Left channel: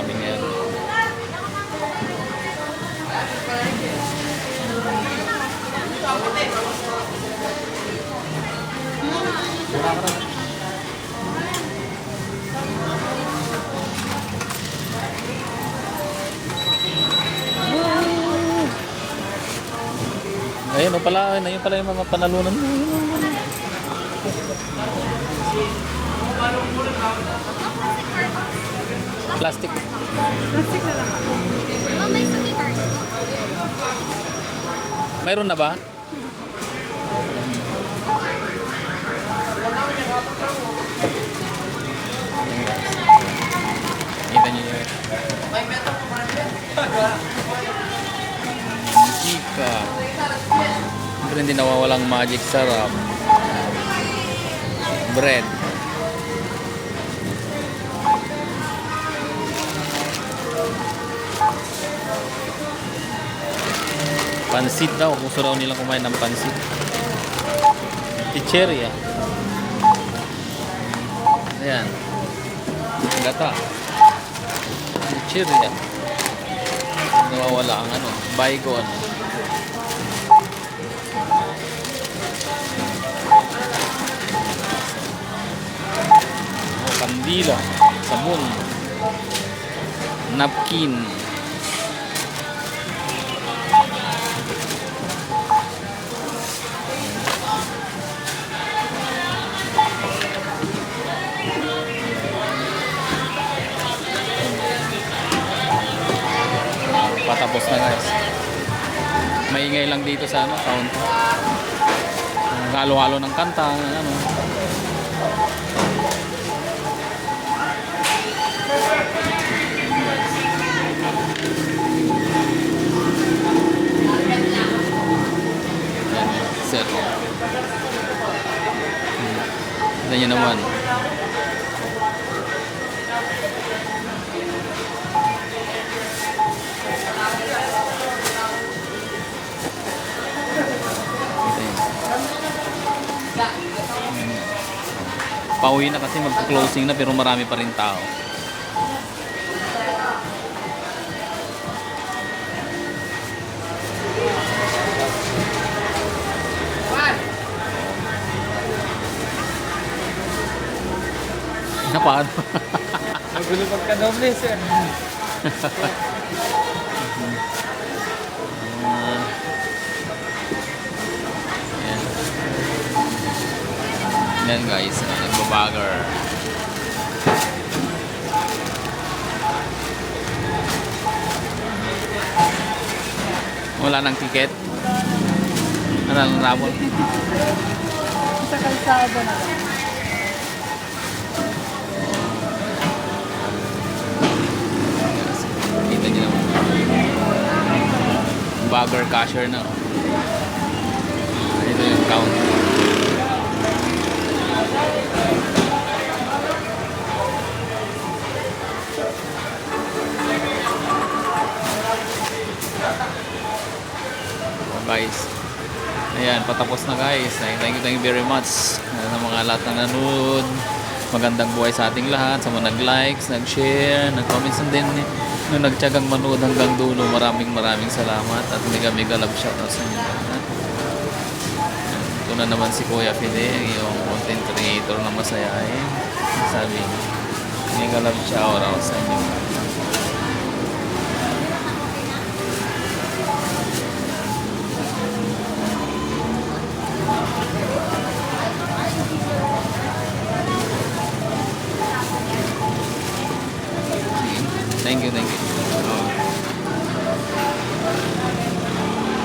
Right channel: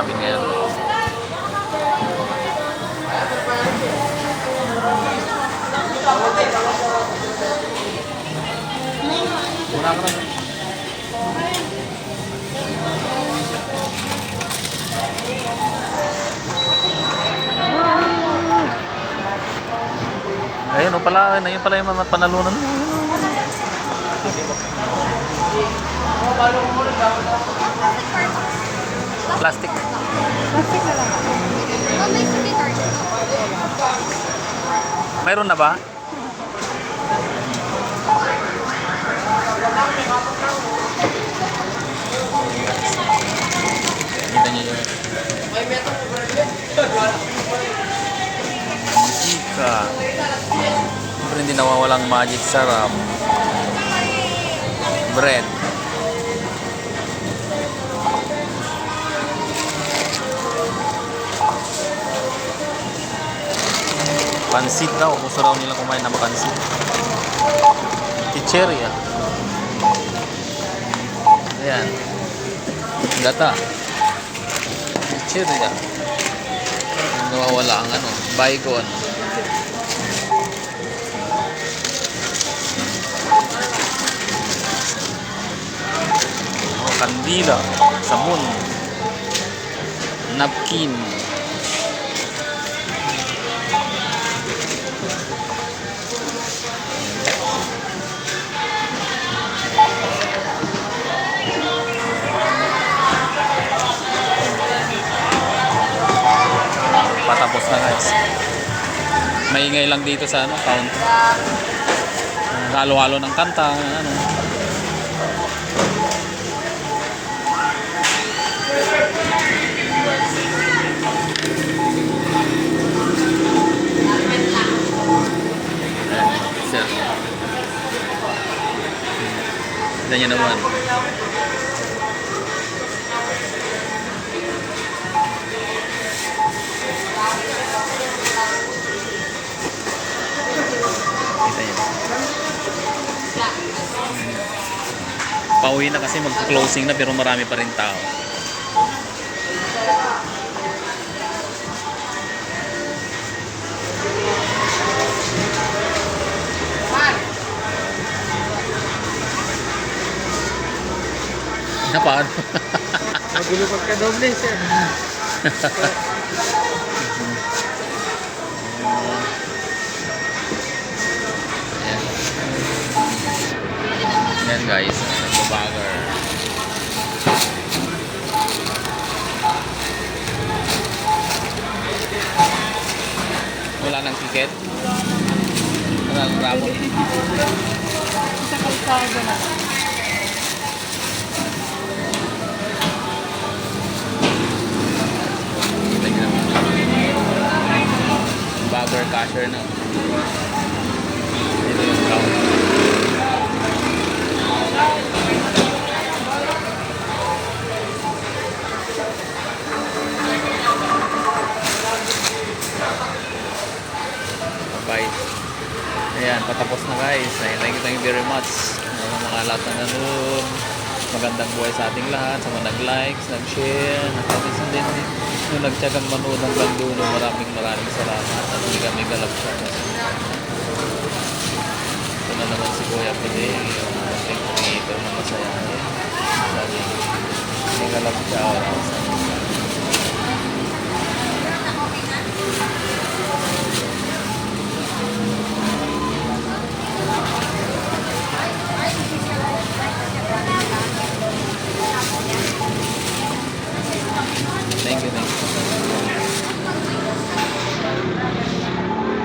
namin ngayon. Wala ka na. Ayun o pala, ayun pala yung mga panalunan mo. Plastic. Plastic na lang. Mayroon na ba? Kita niyo yun. Mantika. Siyempre hindi nawawalang magic sarap. Bread. Pansit daw. Gusto daw nila kumain ng pansit. Chicheria. Ayan. Gata. Chicheria. Nawawala ang ano. Baygon. Oh, kandila. Sabon. Napkin. Patapos na guys. Maingay lang dito sa ano, counter. Halo-halo ng kanta, ano. Sir. Tignan nyo naman. Pauwi na kasi magpo-closing na pero marami pa rin tao. Napaan? Nagulipag ka doble, sir. Yan guys, nagbabager. Wala nang ticket. Wala nang rabol. Sa kalsada na lang. Kita niyo naman. Bagger cashier na. Ito yung counter. Guys, ayan, patapos na guys. Thank you very much sa mga lahat na nanood. Magandang buhay sa ating lahat, sa mga nag-likes, nag-share, nag-comments, and then yung nagtyagang manood hanggang dulo. Maraming salamat at mega love shot na sa mga. Ito na naman si Kuya Pide, yung content creator na masayahin. Sabi, mega love shout out sa mga. Thank you.